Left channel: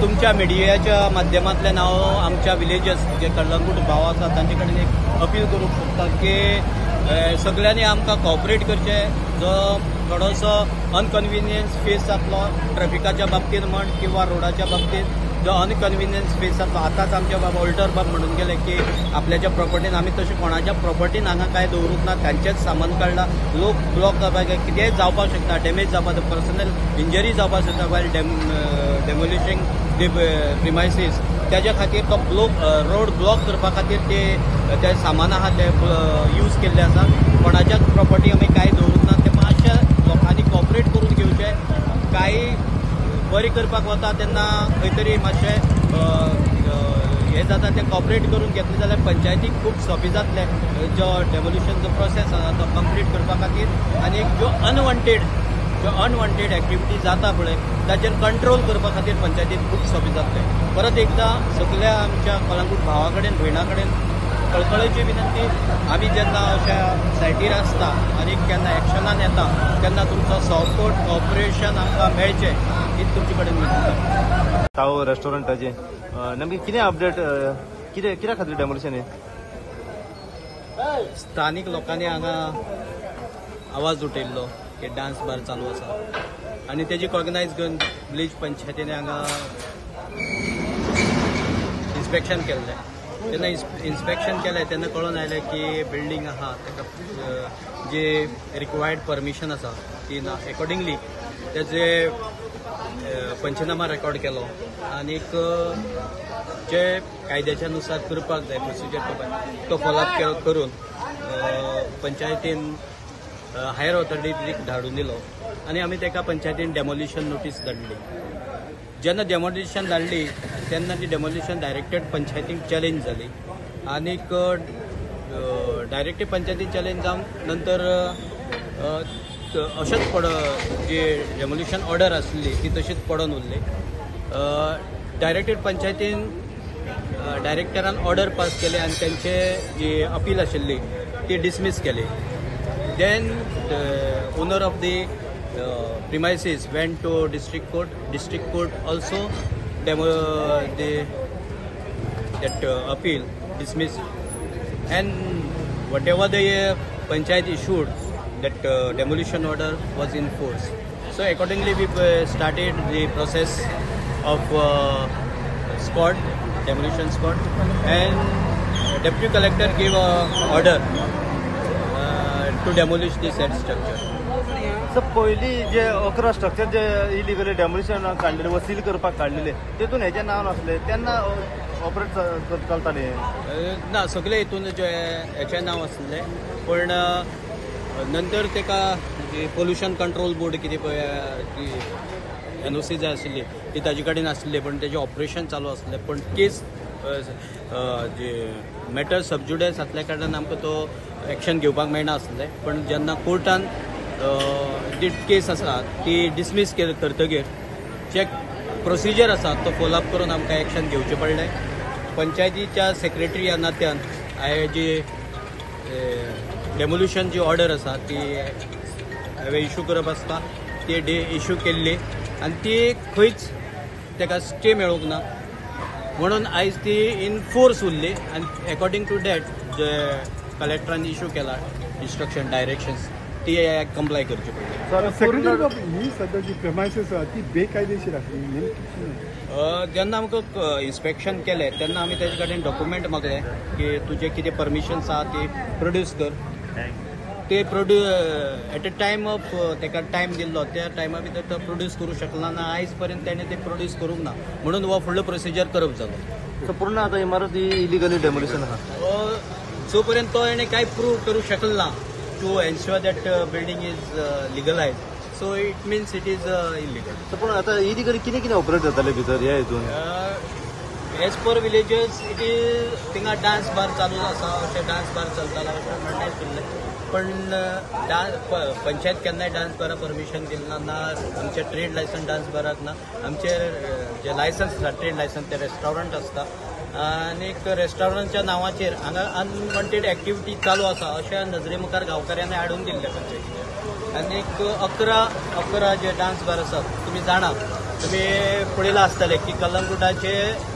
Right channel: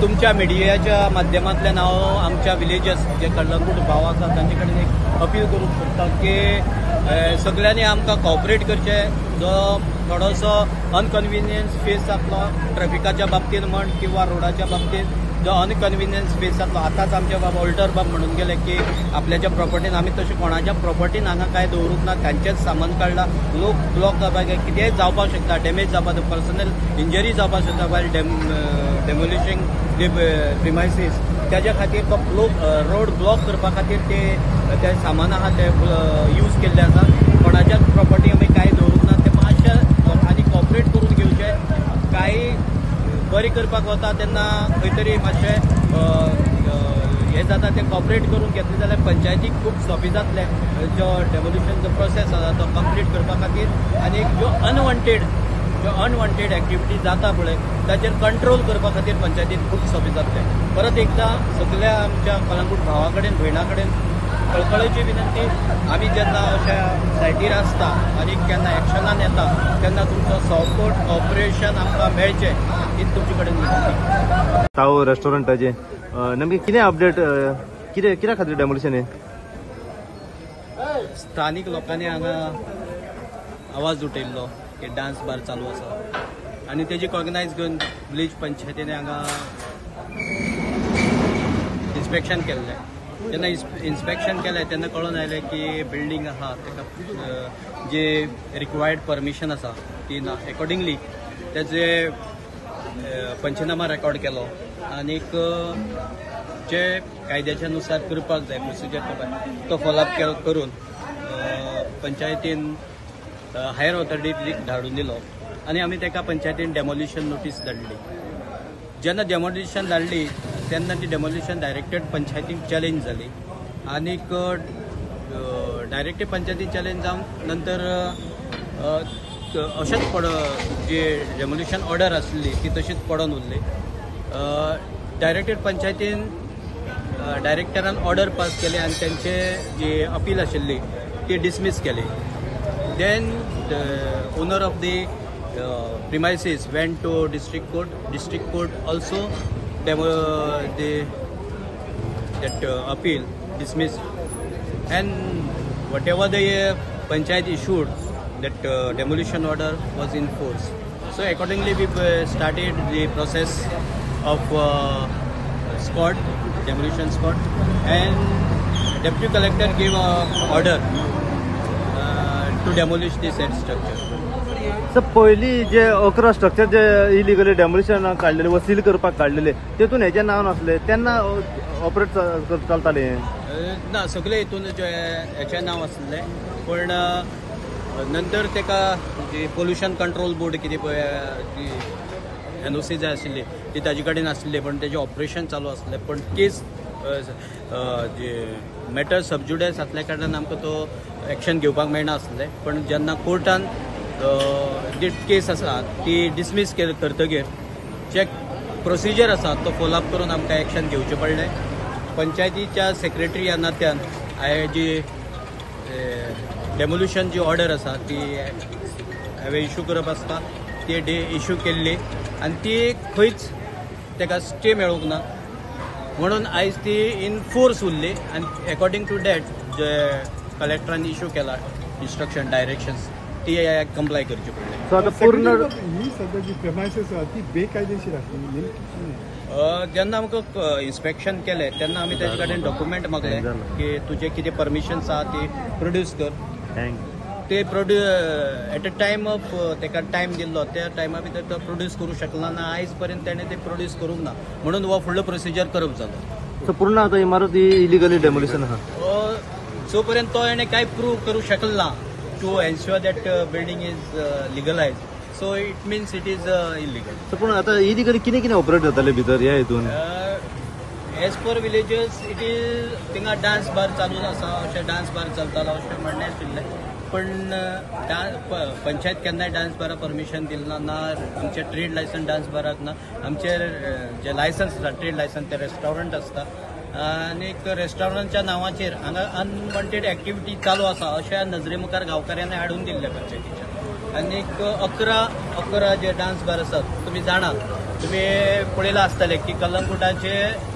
तुमच्या मिडियाच्या माध्यमांतल्यान हांव आमच्या विलेजर्स जे कळंगूट भाव आसा तांचे कडेन एक अपील करूंक सोदता की सगळ्यांनी आमकां कॉपरेट करचें. जो थोडोसो अनकन्विनियन्स फेस जातलो ट्रॅफिकाच्या बाबतींत म्हण किंवा रोडाच्या बाबतींत, जो अनकन्विनियन्स फेस जातलो. आतांच आमचे बाबा ऑल्टर बाब म्हणून गेले की आपल्याच्या प्रॉपर्टीन आमी तशें कोणाच्या प्रॉपर्टीन हांगा काय दवरूंक ना, तांचेंच सामान काडलां. लोक ब्लॉक जावपाक कितेंय जावपाक शकता, डॅमेज जावपाक, पर्सनल इंजरी जावपाक शकता वायल डेमोलिशिंग दी प्रिमायसीस. त्याच्या खातीर तो रोड ब्लॉक करपा खातीर ते सामान आहा ते यूज केल्ले आसा. कोणाच्याच प्रॉपर्टी आमी काय दवरूंक ना. ते मातशे लोकांनी कॉपरेट करून घेवचें. काही बरी करपाक वता तेन्ना खंय तरी मातशें हें जाता तें कॉपरेट करून घेतलें जाल्यार पंचायतीक खूब सोंपें जातलें जो डेमोल्युशनचो प्रोसेस आसा तो कंप्लीट करपा खातीर. आनी ज्यो अनवॉन्टेड एक्टिविटी जाता पळय ताचेर कंट्रोल करपा खातीर पंचायतीक खूब सोंपें जातलें. परत एकदां सगळ्या आमच्या कळंगूट भावा कडेन भयणा कडेन कळकळेची विनंती, आमी जेन्ना अशा सायटीर आसता आनी केन्ना एक्शनान येता तेन्ना तुमचो सपोर्ट कॉपरेशन आमकां मेळचें हीच तुमचे कडेन विनंती. ताव रेस्टॉरंटाचे नेमके कितें अपडेट, कित्या खातीर डेमोलिशन हें? स्थानीक लोकांनी हांगा आवाज उठयल्लो की डान्स बार चालू आसा आनी तेजी कॉग्नायज घेवन विलेज पंचायतीने हांगा इन्स्पेक्शन केल्लें. जेन्ना इन्स्पेक्शन केलें तेन्ना कळून आयलें की बिल्डींग आहा ताका जे रिक्वायर्ड परमिशन आसा ती ना. अकॉर्डिंगली तेजे पंचनामा रेकॉर्ड केलो आनीक जे कायद्याच्या नुसार करपाक जाय प्रोसिजर करपाक तो फॉलोअप करून पंचायतीन हायर ऑथॉरिटीक धाडून दिलो आनी आमी ताका पंचायतीन डेमोलिशन नोटीस धाडली. जेन्ना डेमोलिशन धाडली तेन्ना ती डेमोलिशन डायरेक्टेड पंचायतीक चॅलेंज जाली आनीक डायरेक्टेड पंचायतीक चॅलेंज जावन नंतर अशेंच जी डेमोलिशन ऑर्डर आसली ती तशीच पडून उरली. डायरेक्टेड पंचायतीन डायरेक्टरान ऑर्डर पास केली आनी तेंचे जी अपील आशिल्ली ती डिसमीस केली. Then owner of the premises went to district court also that appeal dismissed, and whatever the panchayat issued that demolition order was in force. So accordingly we started the process of demolition squad, and deputy collector gave a order to demolish the said structure. Sir पयली जे 11 structure जे illegally demolition काडलेले व seal करपाक काडलेले तेतून हेचे नांव नासले तेन्ना ऑपरेट चलताले ना. सगळे हितून हेचे नांव आसले पण नंतर तेका जी पोल्युशन कंट्रोल बोर्ड कितें पळय ती NOC जाय आशिल्ली ती ताजे कडेन आसली पण तेजें ऑपरेशन चालू आसलें. पण केस जे मॅटर सबज्युडिस आसल्या कारणान आमकां तो एक्शन घेवपाक मेळना आसलें. पण जेन्ना कोर्टान जी केस आसा ती डिसमीस करतगीर जे प्रोसिजर आसा तो फॉलोअप करून आमकां एक्शन घेवचें पडलें. पंचायतीच्या सेक्रेटरी ह्या नात्यान हांवें जी डेमोल्युशन जी ऑर्डर आसा ती हांवें इशू करप आसता ती इशू केल्ली आनी ती खंयच ताका स्टे मेळूंक ना म्हणून आयज ती इन फोर्स उरली. आनी अकॉर्डिंग टू डॅट जे कलेक्टरान इशू केला इन्स्ट्रक्शन डायरेक्शन्स ती कंप्लाय करची पडली. ती बेकायदेशीर आसली. जेन्ना आमकां इन्स्पेक्शन केलें तेन्ना आमी तेजे कडेन डॉक्युमेंट मागले की तुजे कितें परमिशन्स आहा ती प्रोड्यूस कर. ते एट अ टायम ऑफ ताका टायम दिल्लो त्या टायमा भितर तो प्रोड्यूस करूंक शकना ना. आयज पर्यंत तेणें ते प्रोड्यूस करूंक ना म्हणून हो फुडलो प्रोसिजर करप जालो. सो पूर्ण आतां इमारत इलिगली डेमोलिशन जो पर्यंत तो हेणे काय प्रूव्ह करूंक शकना to ensure that building is legalized, so it means it is illegal. So पण आता इलिगली कितें ऑपरेट जाताले भितर ह्या हितून as per villages it is थिंगा डान्स बार चालू आसा अशें डान्स बार चलतालो अशें म्हणणें आशिल्लें पण पंचायत केन्नाय डान्स बारा परमिशन दिलना ना आमचे ट्रेड लायसन डान्स बाराक ना आमचे जे लायसन्स आसा ट्रेड लायसन ते रेस्टॉरंट आसता आनीक रेस्टॉरंटच्या नांवाचेर हांगा अनवॉन्टेड एक्टिविटी चालू आसा अशें नजरे मुखार गांवकाऱ्यांनी हाडून दिल्ले पंचायतीचे आनीक 11 जे डान्स बार आसात तुमी जाणा तुमी पळयलां आसतलें की कलंगुटाचे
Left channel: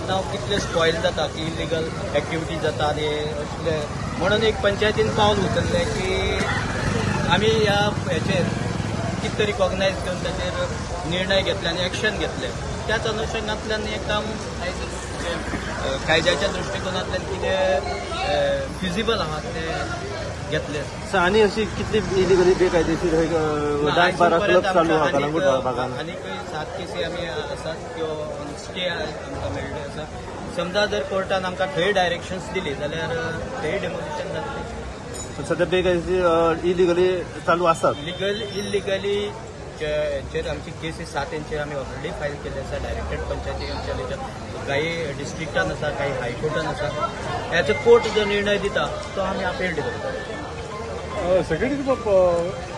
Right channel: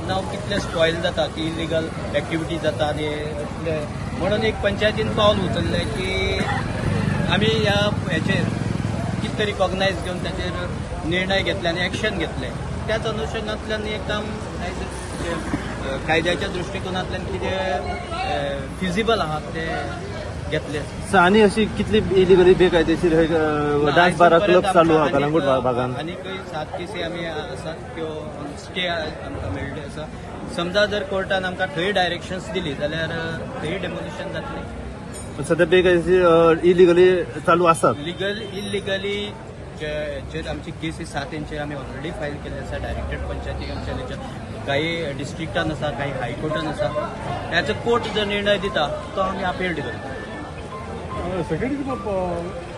नांव कितलें स्पॉयल जाता की इलिगल एक्टिविटी जाता आनी असले म्हणून एक पंचायतीन पावल उचललें की आमी ह्या हेचेर कितें तरी कॉग्नायज घेवन ताचेर निर्णय घेतले आनी एक्शन घेतले त्याच अनुशंगांतल्यान हें काम कायद्याच्या दृश्टिकोनांतल्यान कितें फिजिबल आहा तें घेतले आनी अशी कितली इलिगली बेकायदेशीर आजून पर्यंत आमकां आनीक 7 केसी आमी आसात त्यो स्टे आमकां मेळ्ळी आसा समजा जर कोर्टान आमकां थंय डायरेक्शन्स दिली जाल्यार थंय डेमोलिशन जातलें सध्या बेकायदेशीर इलिगली चालू आसा इलिगली जे आमची केसी 7 तेंचेर आमी ऑलरेडी फायल केल्ली आसा डायरेक्टेड पंचायती अंचलेच्या काही डिस्ट्रिक्टान आसा काही हायकोर्टान आसा ह्याचो कोर्ट जो निर्णय दिता तो आमी अपेल्ड करता सेक्रेटरी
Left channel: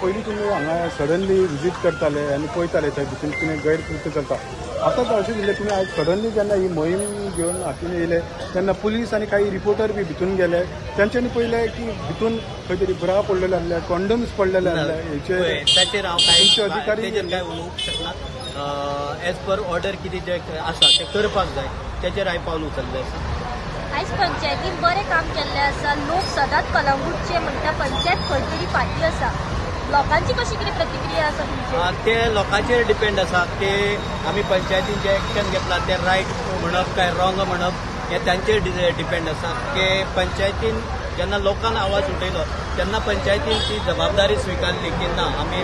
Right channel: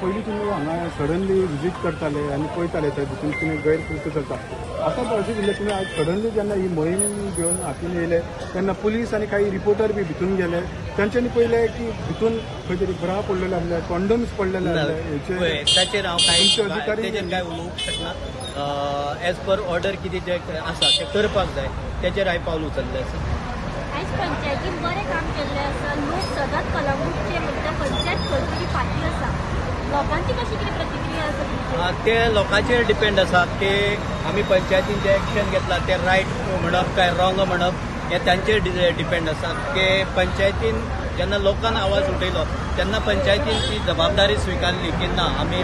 पयलीं तुमी हांगा सडनली विजीट करताले आनी पळयताले थंय भितर तुमी गायड करता चलता आतां अशें दिलें तुमी आयज सडनली जेन्ना ही मोहीम घेवन हातून येयले तेन्ना पुलीस आनी काही रिपोर्टर बी भितून गेले तांच्यांनी पळयलें की भितून खंय तरी ब्रा पडलेले आसले कंडम्स पडलेले आसले ताचेर हांव ताचेर काय उलोवंक शकना एज पर ऑर्डर कितें जें आसा तें करपाक जाय तेचेर हांवें पावल उचल्लें आसा आयज पंचायतीन बरें काम केल्लें आसा लोक सदांच कलंगूटचे म्हणटा पंचायत खंय तरी फाटी आसा लोकांची कशी कितें प्रतिक्रिया आसा तुमची ते लोकांचेर डिपेंड आसा की आमी पंचायतीन जें एक्शन घेतलां तें रायट म्हणप काय रॉंग म्हणप हें तांचेर डिपेंड आसा की पंचायतीन जेन्ना लोकांन आवाज उठयलो तेन्ना पंचायतीन ती जबाबदारी स्विकारली की ना आमी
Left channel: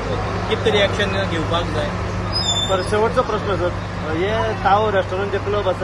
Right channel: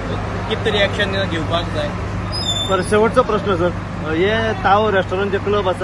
कितें तरी एक्शन घेवपाक जाय शेवटचो प्रश्न सर हे ताव रेस्टॉरंट जे क्लब आसा